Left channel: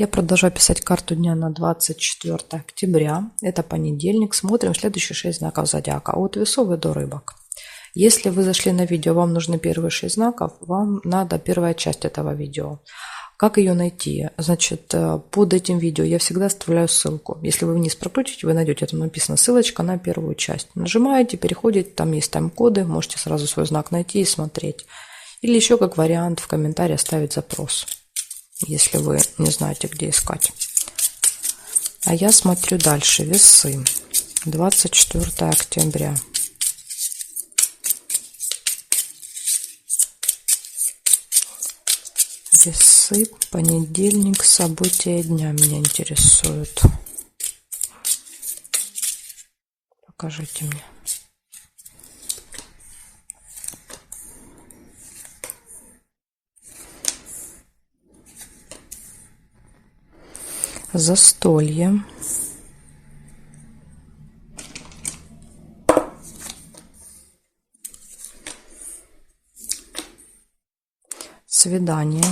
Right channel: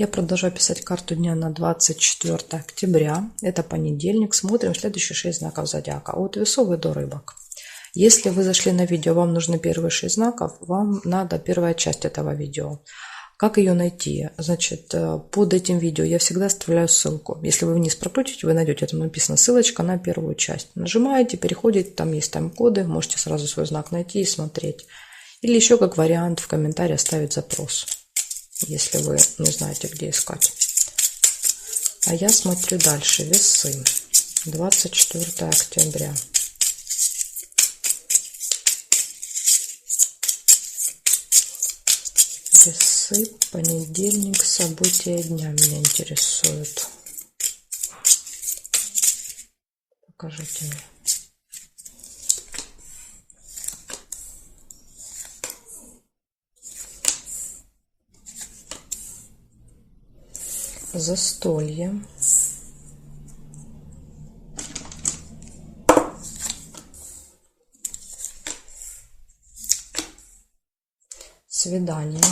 Я продолжаю писать карту дня на 24 октября. Это понедельник. Смотрим следующие 6 знаков зодиака. От весов и до рыбок. Если вы зашли на видео, вам нужны первые 6 знаков, вам надо первая часть этого видео. Как ее найти? Значит, под этим видео я всегда оставляю ссылку. Если вы вниз прокрутите, вы найдете, там написано ссылочка на первую часть. Нажимаете, переходите, там есть тайм-коды, можете сразу свой знак найти и смотреть. Или еще как вариант в комментарии оставить запрос, если вы не знаете, где искать. А я смотрю дальше. Весы. 24 октября. Весы, понедельник, события дня меня интересуют. Покажите мне. Застолье. Свидание.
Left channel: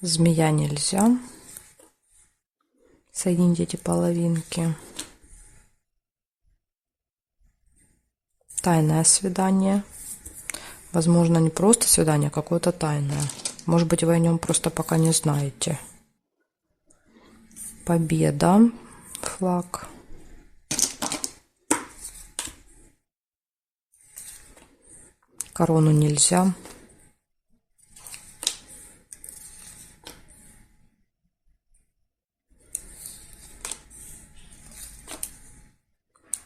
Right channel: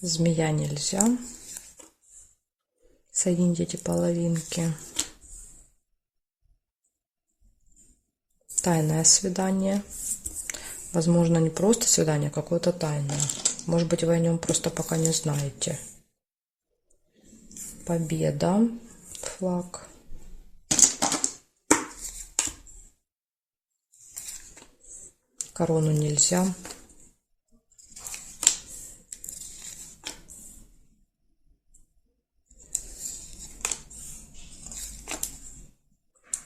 Змея нельзя. Соединить эти половинки. Тайное свидание. Возможно, не просто свидание, а какое-то тайное. Может быть, вы о нем просто пока не знаете. Победа. Флаг. Корону нельзя.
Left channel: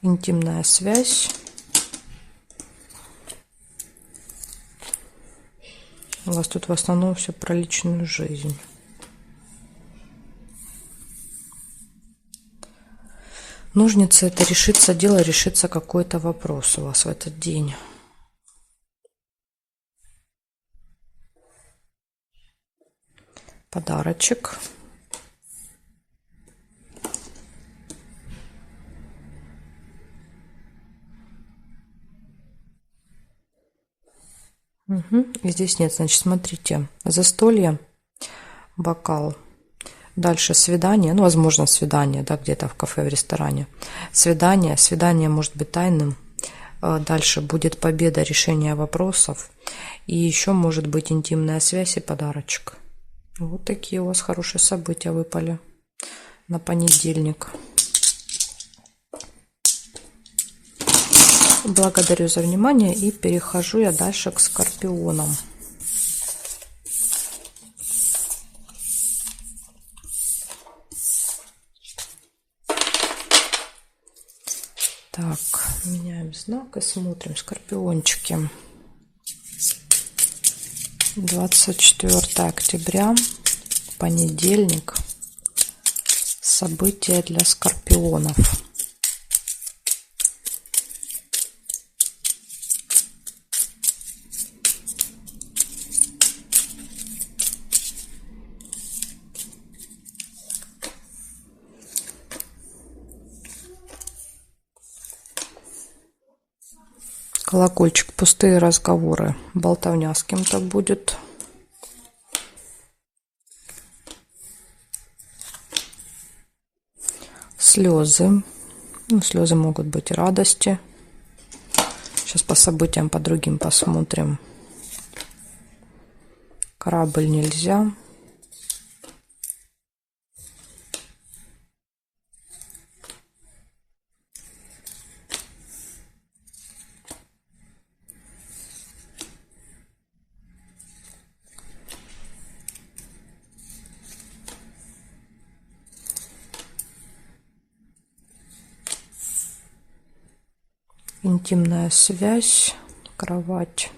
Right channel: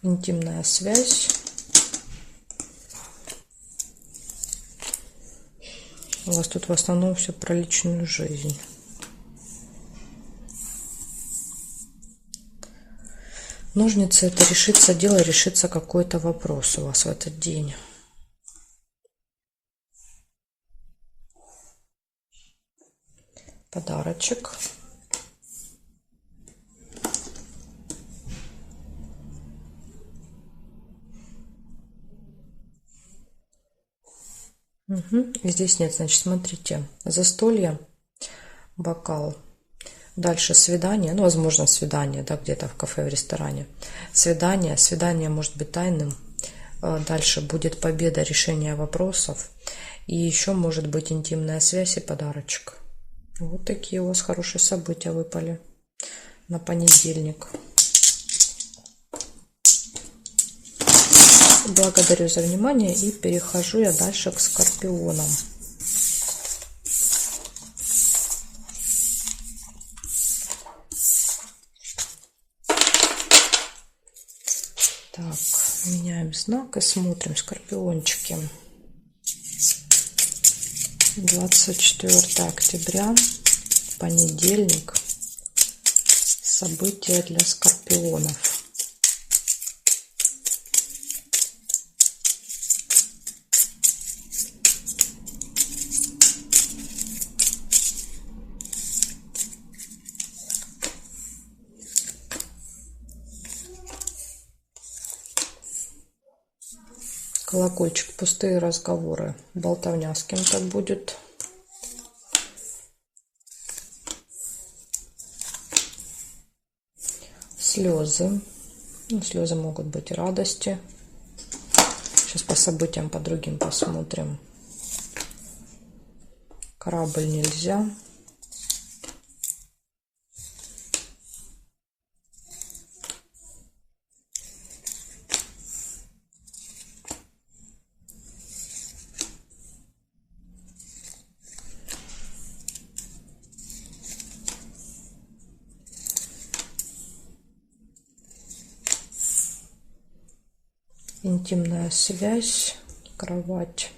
Интимная связь. У вас тут в основном все про личную жизнь. Ножницы — это решится дело, решится какой-то вопрос у вас в этот день. Подарочек. И здесь нет, значит, смотрите. Застолье, бокал. Дальше свидание, ну, возможно, свидание, да, где-то в кафе, в ресторане. Свидание может быть тайным. Дальше будет победа, решение вопросов. И еще может быть интимная связь и подарочек. Вот такие у вас хорошие события выпали на понедельник. Благодарю за внимание и перехожу я дальше к скорпионам. Так, меняем знак и смотрим. Скорпиончики. 24 октября, понедельник. События для скорпионов. Колокольчик, пустые разговоры, болтовня с кем-то будет. Слезы. Ну, слезы могут быть и радости. Сейчас по событиям, по другим посмотрим. Корабль нельзя. Интимная связь, кровать.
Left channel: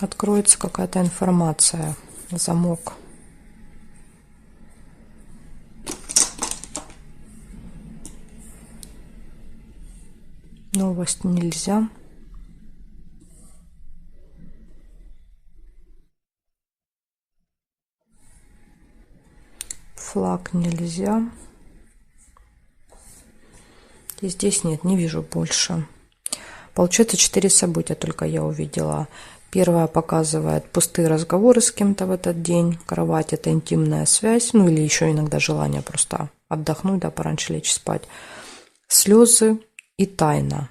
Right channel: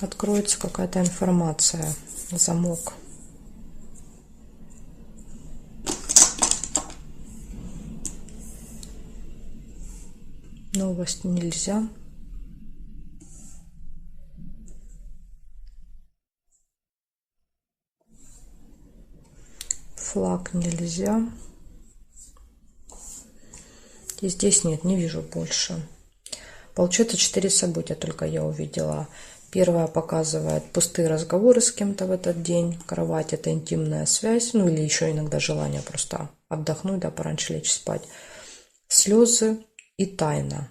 Откроется какая-то информация, замок. Новость нельзя. Флаг нельзя. И здесь нет, не вижу больше. Получается 4 события только я увидела. Первое показывает пустые разговоры с кем-то в этот день. Кровать — это интимная связь. Ну или еще иногда желание просто отдохнуть, да, пораньше лечь спать. Слезы и тайна.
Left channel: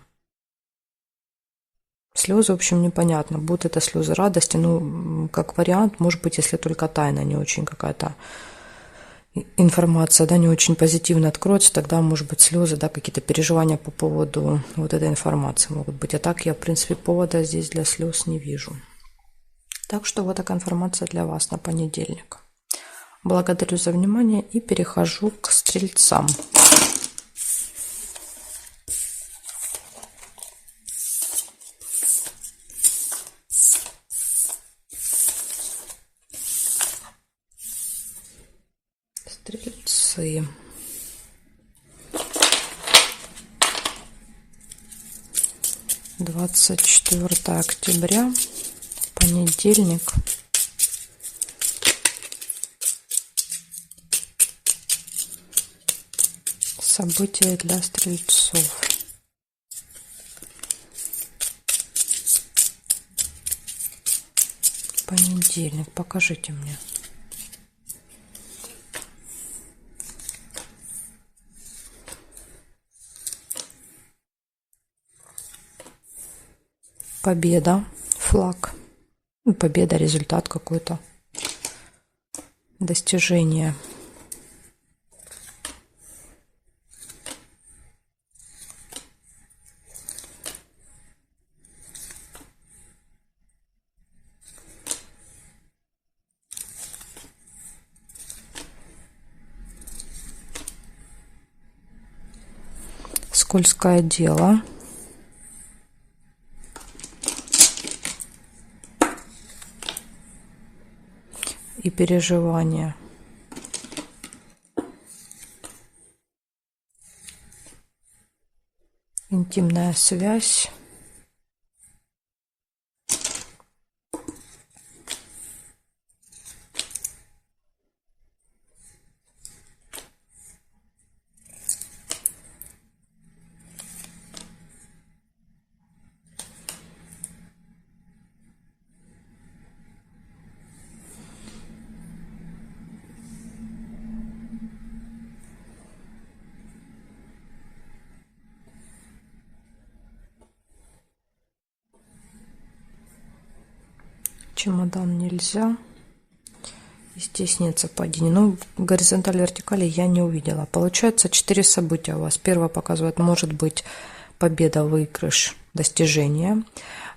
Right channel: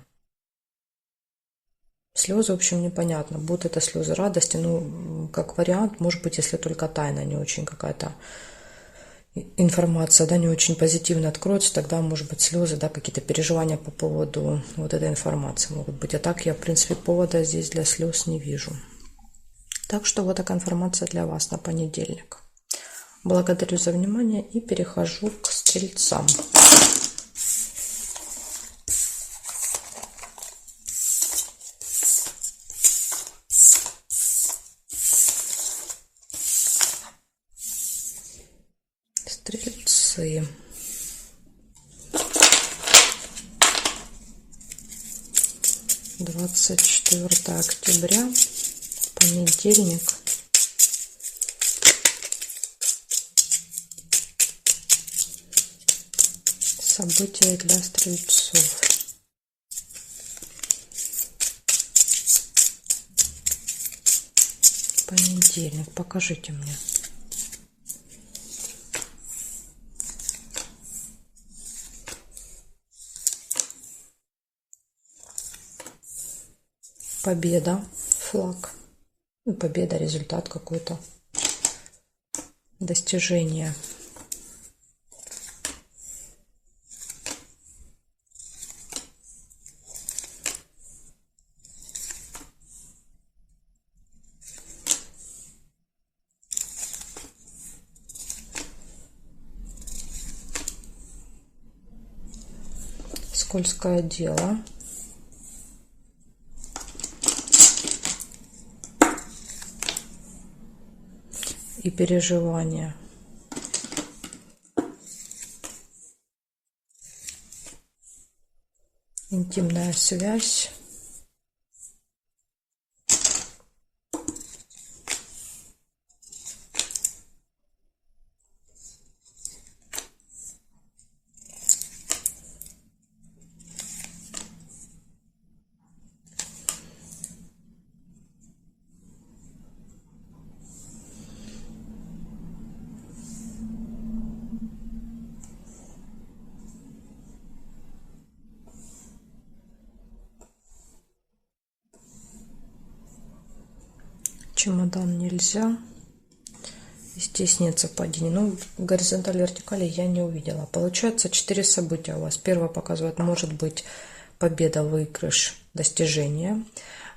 Слезы, в общем, непонятно. Будут это слезы радости. Ну, как вариант, может быть, если только тайна не очень какая-то информация, да, не очень позитивно откроется, тогда, может быть, слезы, да, какие-то переживания по поводу вот этой информации могут быть. А так я, в принципе, повода здесь для слез не вижу. Так что вот такая информация для вас на понедельник. Благодарю за внимание и перехожу к стрельцам. Стрельцы. Двадцать 24 октября, понедельник. События для стрельцов. Понедельник. Покажите мне. Победа. Флаг. Победа, результат какой-то. Достижение. Скользкое дело. И переживания. Интимная связь. Чемодан нельзя. Здесь нет совпадений. Ну, горизонтали, вертикали я не увидела. Получается 4 события у вас. Первое показывает, может быть победа, выигрыш, достижение.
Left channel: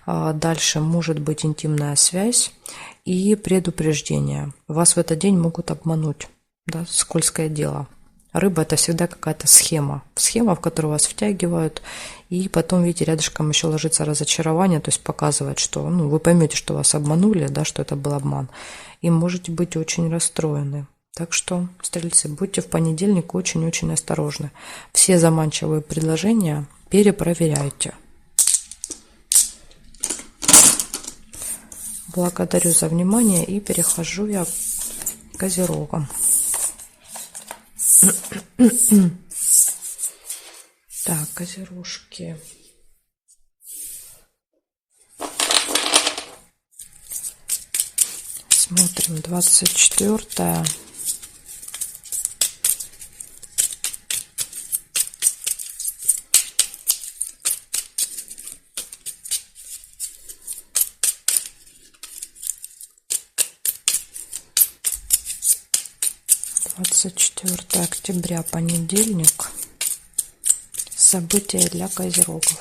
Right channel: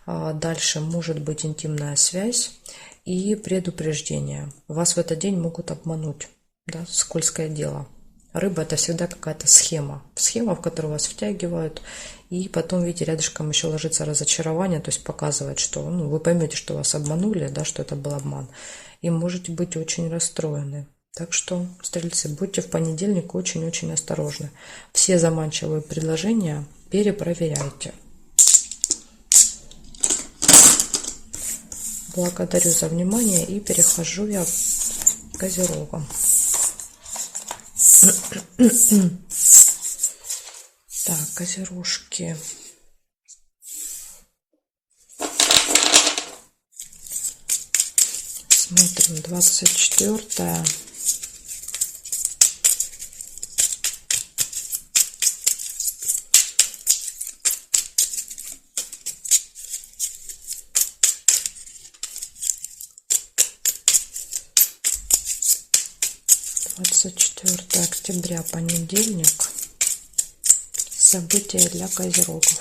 Дальше может быть интимная связь и предупреждение. Вас в этот день могут обмануть. Да, скользкое дело. Рыба — это всегда какая-то схема. Схема, в которую вас втягивают. И потом, видите, рядышком еще ложится разочарование, то есть показывает, что вы поймете, что вас обманули, да, что это был обман. И можете быть очень расстроены. Так что, стрельцы, будьте в понедельник очень-очень осторожны. Все заманчивые предложения перепроверяйте. Благодарю за внимание и перехожу я к козерогам. Так, козерожки. Смотрим, 24-е. Двадцать 4 октября, понедельник. События для козерогов.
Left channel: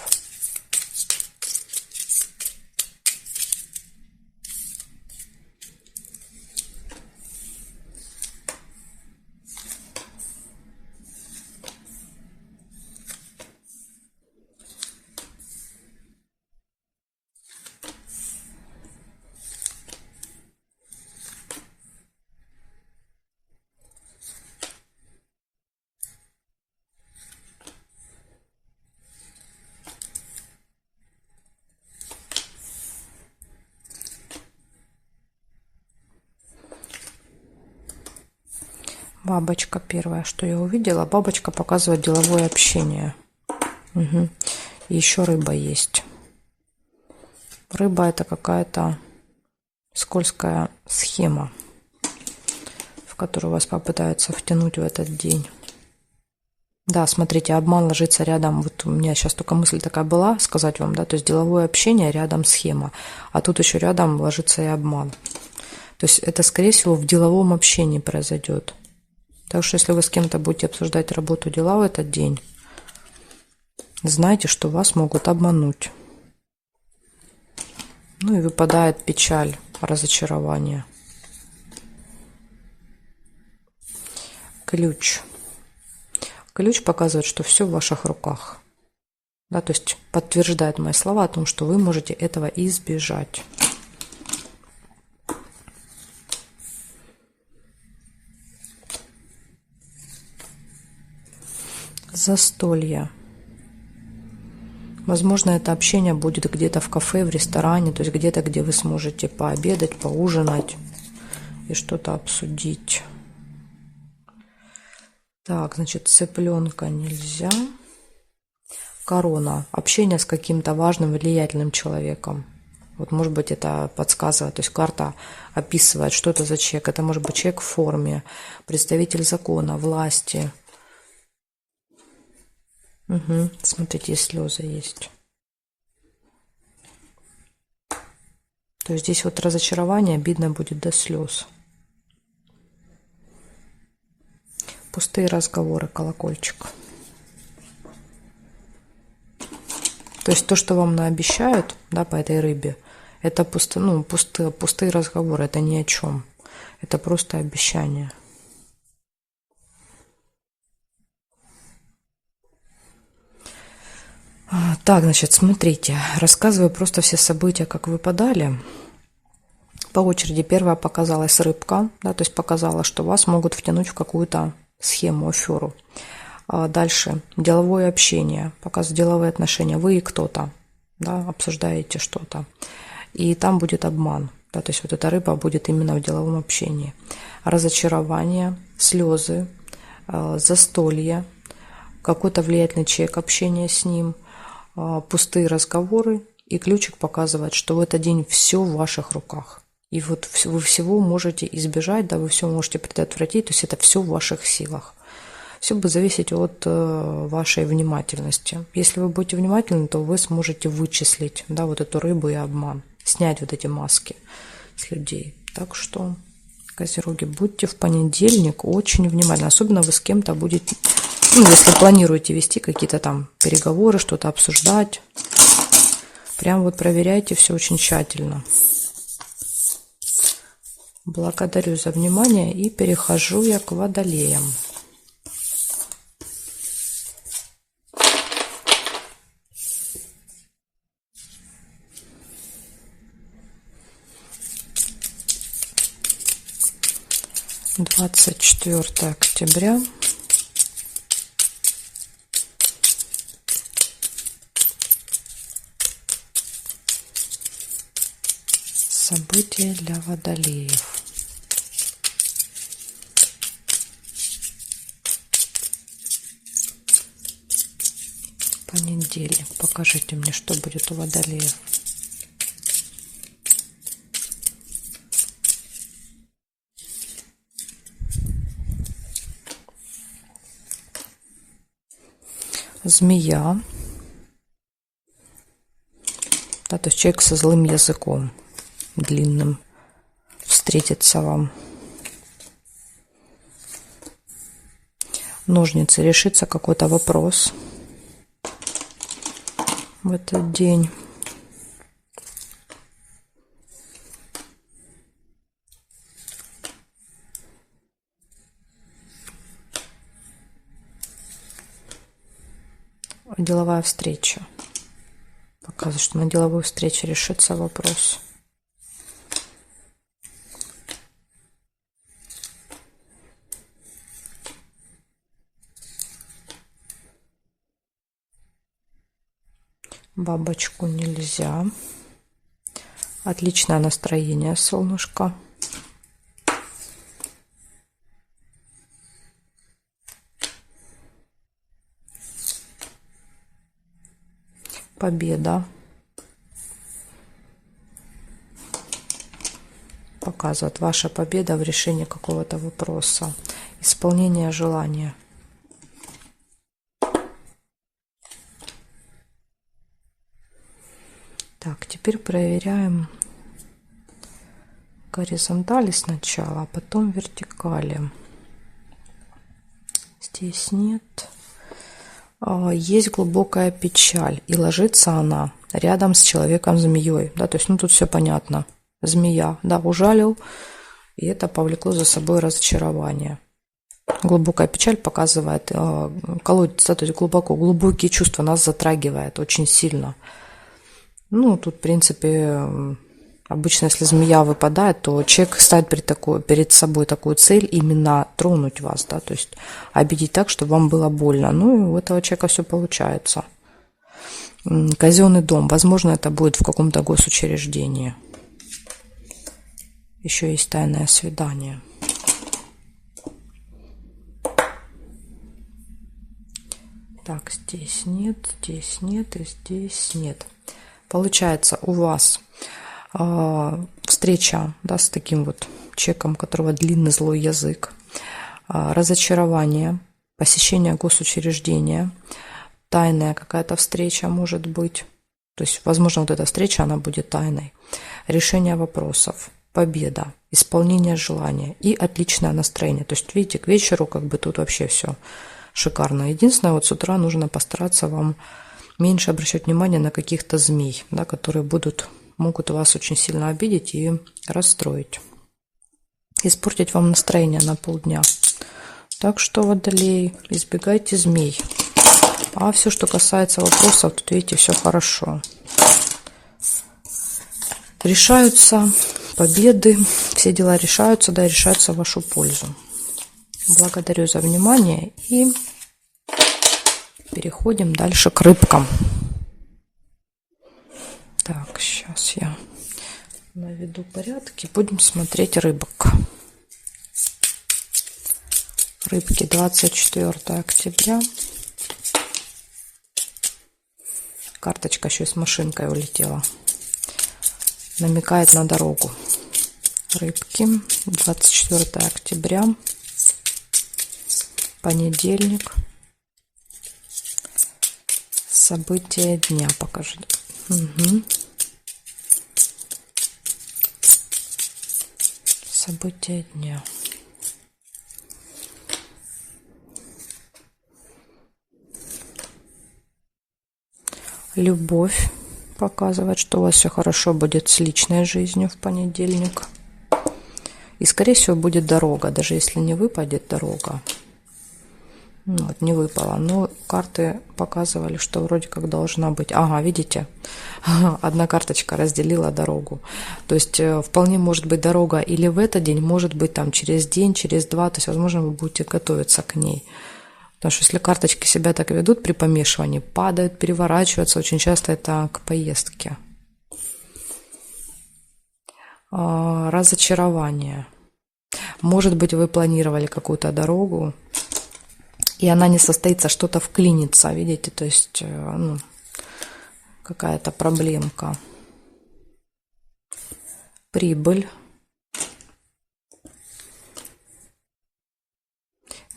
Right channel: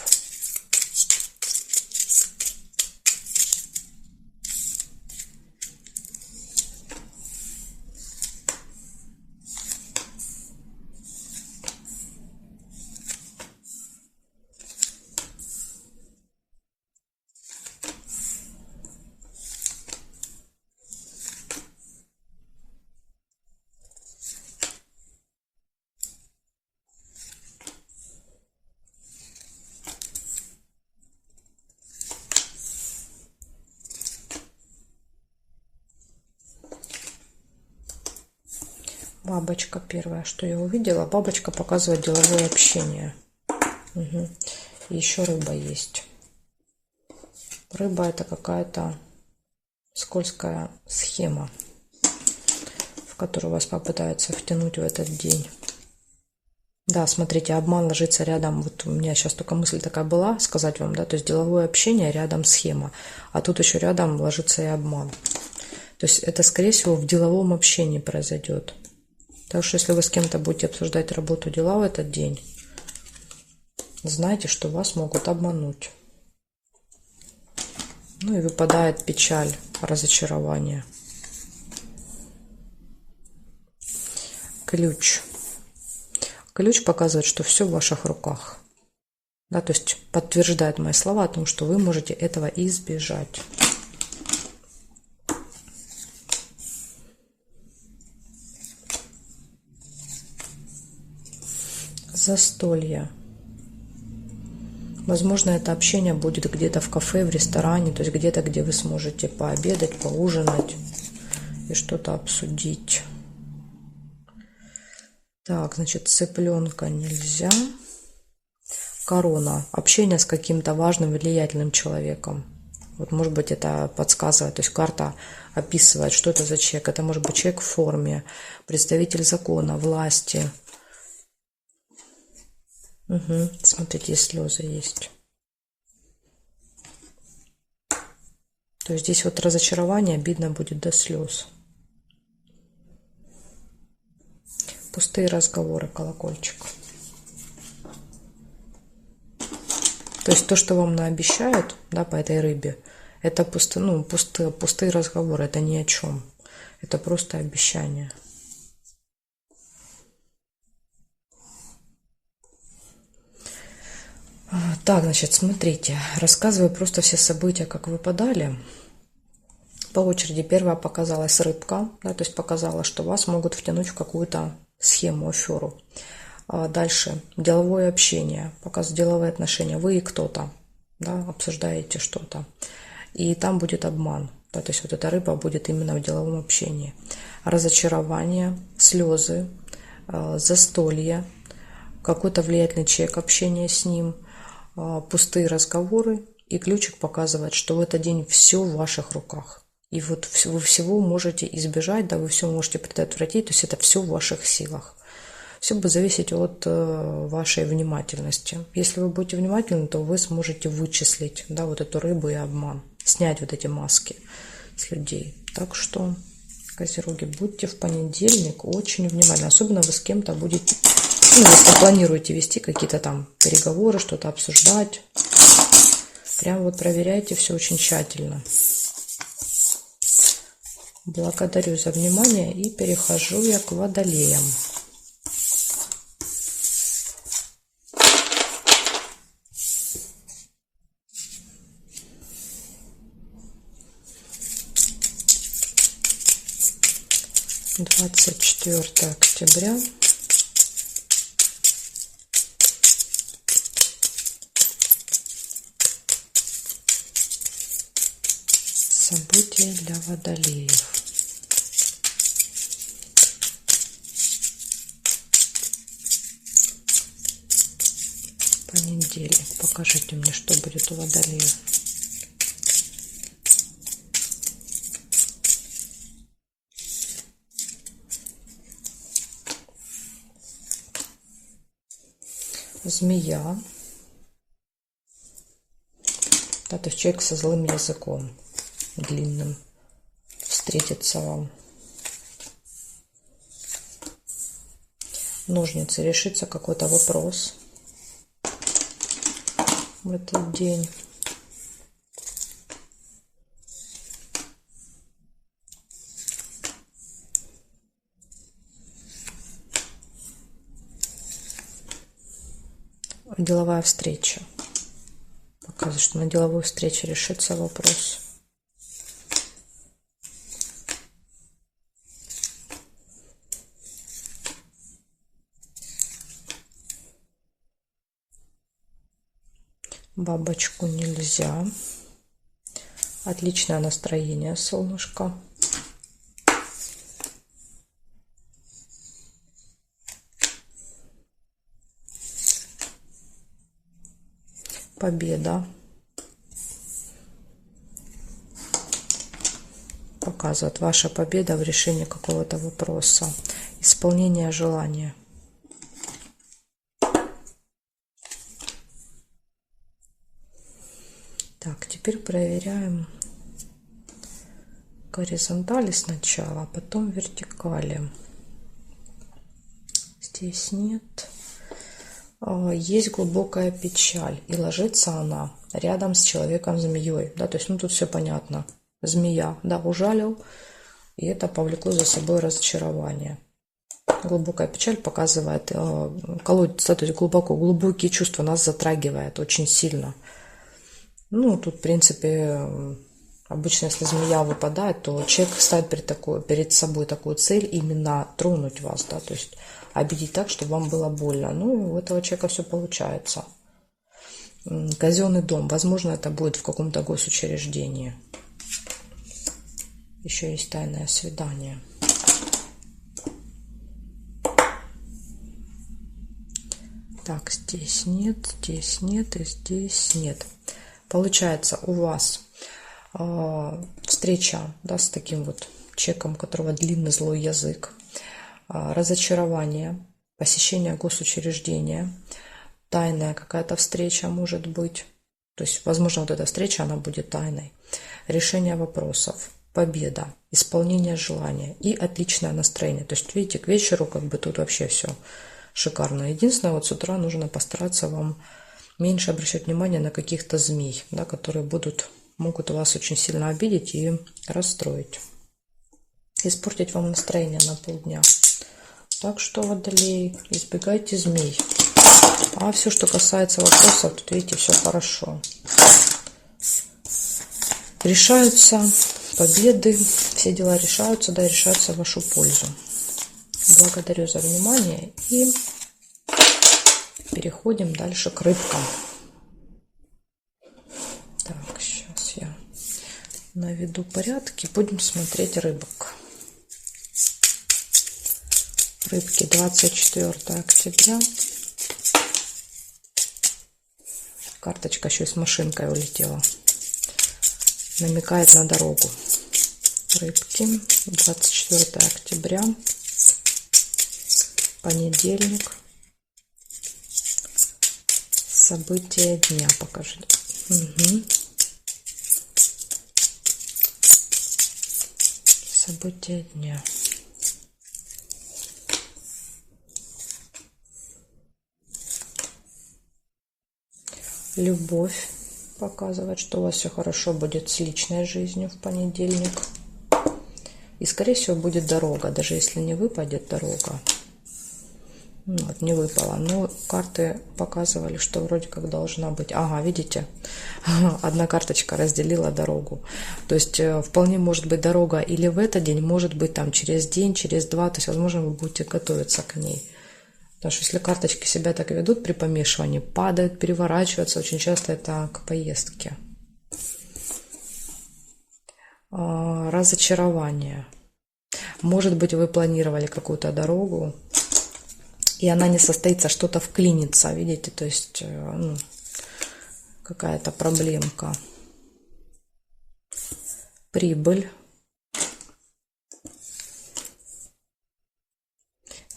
Бабочка первая, что я увидела. Бабочка показывает деловое общение. Угу. И еще рыба есть. Рыба это какая-то скользкая схема, в которую вас попытаются втянуть в этот день. Да, смотрите, обман ложится рядом. Вот у меня сейчас только мысль такая была сказать вам, да, то есть деловое общение, рядом схема. А тут еще рядом ложится и обман. То есть это, скорее всего, в деловом общении произойдет. Так что если вы с кем-то будете обсуждать работу, дела в этот день, знайте, что вас могут обмануть. Ну и выпадает печаль, разочарование. Ключ. Ключ показывает, что все в ваших руках. Да, то есть подтверждает мои слова о том, что вы можете этого избежать. Застолье. Возможно, это общение будет где-то в кафе, в ресторане, то есть где-то, где вы сможете пообедать, поужинать и что-то обсудить. Так, значит, цыпленка нельзя. Корона. Общение с каким-то важным, влиятельным человеком. Вот, может быть, это подсказывает, то есть карта описывает, что это за человек. Это может быть человек в форме, представитель закона, власти. Угу. Смотрите, и слезы есть. То есть здесь вот разочарование, обидно будет до слез. Пустые разговоры, колокольчик. То есть то, что вам наобещают, да, по этой рыбе, это пустые разговоры, это ни о чем. Это просто обещание. Так, значит, смотрите, рассказываю просто все события, как выпадали. По очереди первая показалась рыбка, да, то есть показала, что вас могут втянуть в какую-то схему, аферу. Дальше деловое общение, показывает деловые отношения. Вы и кто-то, да, обсуждаете что-то. И там будет обман. Да, то есть вот эта рыба будет именно в деловом общении. Разочарование, слезы, застолье, какой-то влиятельный человек, общение с ним, пустые разговоры. И ключик показывает, что в этот день все в ваших руках. И вот вы всего можете избежать, да, вы все можете предотвратить, то есть это все в ваших силах. Все будет зависеть от вашей внимательности. Если вы будете внимательны, то вы сможете вычислить, да, вот эту рыбу и обман, снять вот эти маски с людей. Так что, козероги, будьте в понедельник очень внимательны. Особенно вы с кем-то будете, если планируете вести какие-то там переговоры, что-то обсуждать. Прям вот проверяйте все очень тщательно. Благодарю за внимание и перехожу я к водолеям. Двадцать 24 октября. События для водолеев. Понедельник. Покажите мне, что будет у водолеев. Змея. Да, то есть человек со злым языком, длинным, встретится вам. Ножницы. Решится какой-то вопрос в этот день. Деловая встреча. Показывает, что на деловой встрече решится вопрос. Бабочку нельзя. Отличное настроение, солнышко. победа. Показывает ваша победа в решении какого-то вопроса. Исполнение желания. Так, теперь проверяем горизонтали сначала, а потом вертикали. Здесь нет. Есть глубокая печаль, и ложится она рядом с человеком-змеей. Да, то есть, ну, тут все понятно. Змея, да, ужалил, и это повлекло за собой разочарование. Глубокая печаль показывает, колодец, да, то есть глубокие чувства нас затрагивает очень сильно. Ну, тут, в принципе, обычно, если змея выпадает, то человек ставит перед собой такую цель именно тронуть вас, да, то есть обидеть так, чтобы вам было больно. Ну, и у этого человека все получается. Казенный дом. Возможно, это будет в каком-то госучреждении. Еще есть тайное свидание. Так, здесь нет и здесь нет. Получается, у вас встреча, да, с таким вот человеком, у которого длинный злой язык, разочарование, посещение госучреждения, тайная какая-то встреча может быть. То есть, возможно, вот эта встреча, она будет тайной. Решение вопросов, победа, исполнение желания и отличное настроение. То есть, видите, к вечеру как бы тут вообще все шикарно. Единственное, вот с утра нужно постараться вам меньше обращать внимание на каких-то змей, да, которые могут вас очень сильно обидеть и расстроить. Испортить вам настроение на полдня. Так что, водолей, избегайте змей. А все, что касается вопросов, тут, видите, все хорошо. Решаются победы, все дела решаются, да, решаются в вашу пользу. Благодарю за внимание и переходим дальше к рыбкам. Так, сейчас я наведу порядки. Будем смотреть рыбок. Рыбки, 24 октября. Карточка еще с машинкой улетела. Намекает на дорогу. Рыбки, 24 октября. Понедельник. События дня покажи. Угу. События дня. Любовь показывает, что у вас все хорошо будет с личной жизнью в понедельник. И, скорее всего, будет дорога, даже если не выпадет дорога. Вот, не выпало. Но карты показывали, что вроде как должна быть. Ага, видите? Одна карточка разделила дорогу. То есть вполне может быть дорога или в этот день, может быть там через день, через два. То есть, возможно, вы будете готовиться к ней. Потому что если карточки себя так ведут при помешивании, падают, переворачиваются, очень часто это к поездке. Разочарование. Может быть, вы планировали какую-то дорогу, и она не состоится, что-то вклинится, видите, то есть ну, какая-то проблемка. Прибыль.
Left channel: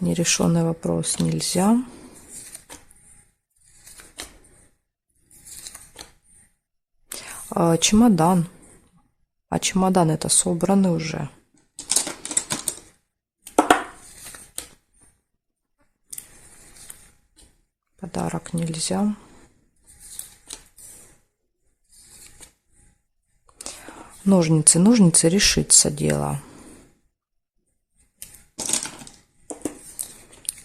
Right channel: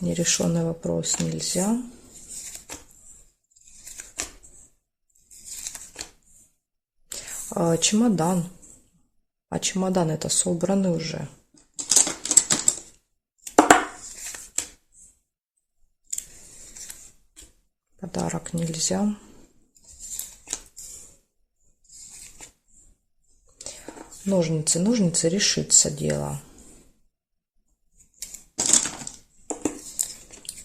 Нерешенный вопрос нельзя. Чемодан. А чемодан это собраны уже. Подарок нельзя. Ножницы. Ножницы, решится дело.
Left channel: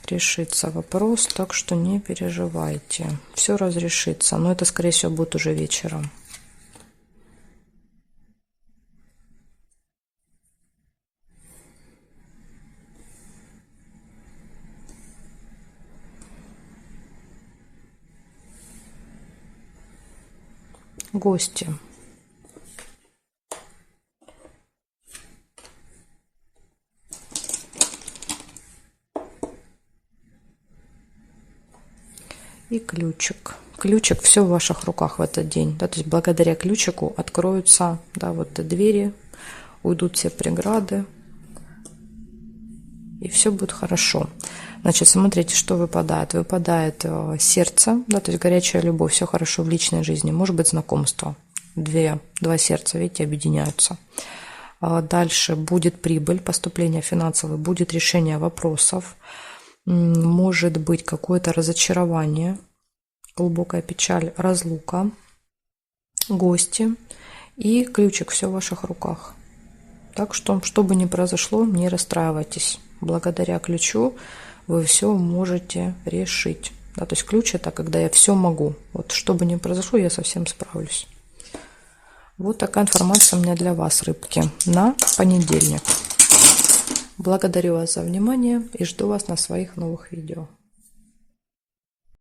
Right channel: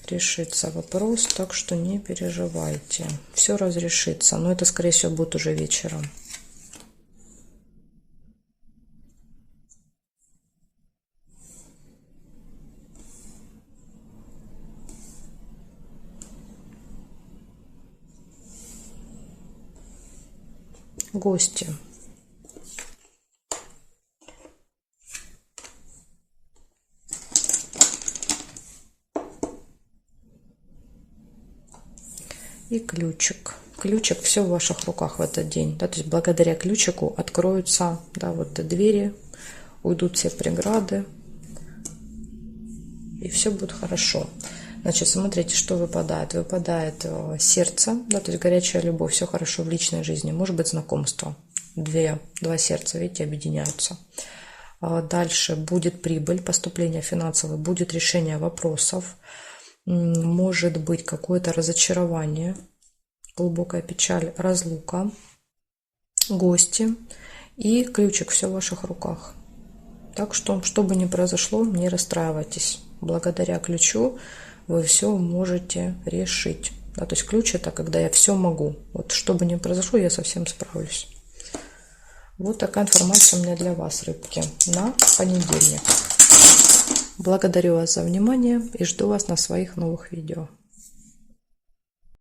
Решится вопрос, так что не переживайте. Все разрешится, но это, скорее всего, будет уже вечером. Гости. И ключик. ключик, все в ваших руках в этот день. Да, то есть благодаря ключику откроются, да, вот двери, уйдут все преграды, и все будет хорошо. Значит, смотрите, что выпадает. Выпадает сердце, да, то есть горячая любовь, все хорошо в личной жизни. Может быть, знакомство. Два сердца, видите, объединяются. Дальше будет прибыль, поступление финансовое, будет решение вопросов. Может быть какое-то разочарование, глубокая печаль, разлука, гости и ключик, все в ваших руках. Так что, что бы ни произошло, не расстраивайтесь. Благодаря ключу вы все можете решить. Да, то есть ключ — это когда я все могу. Вот что бы ни произошло, я совсем справлюсь. Вот такая информация у меня для вас, рыбки, на понедельник. Благодарю вас за внимание и жду вас на своих новых видео.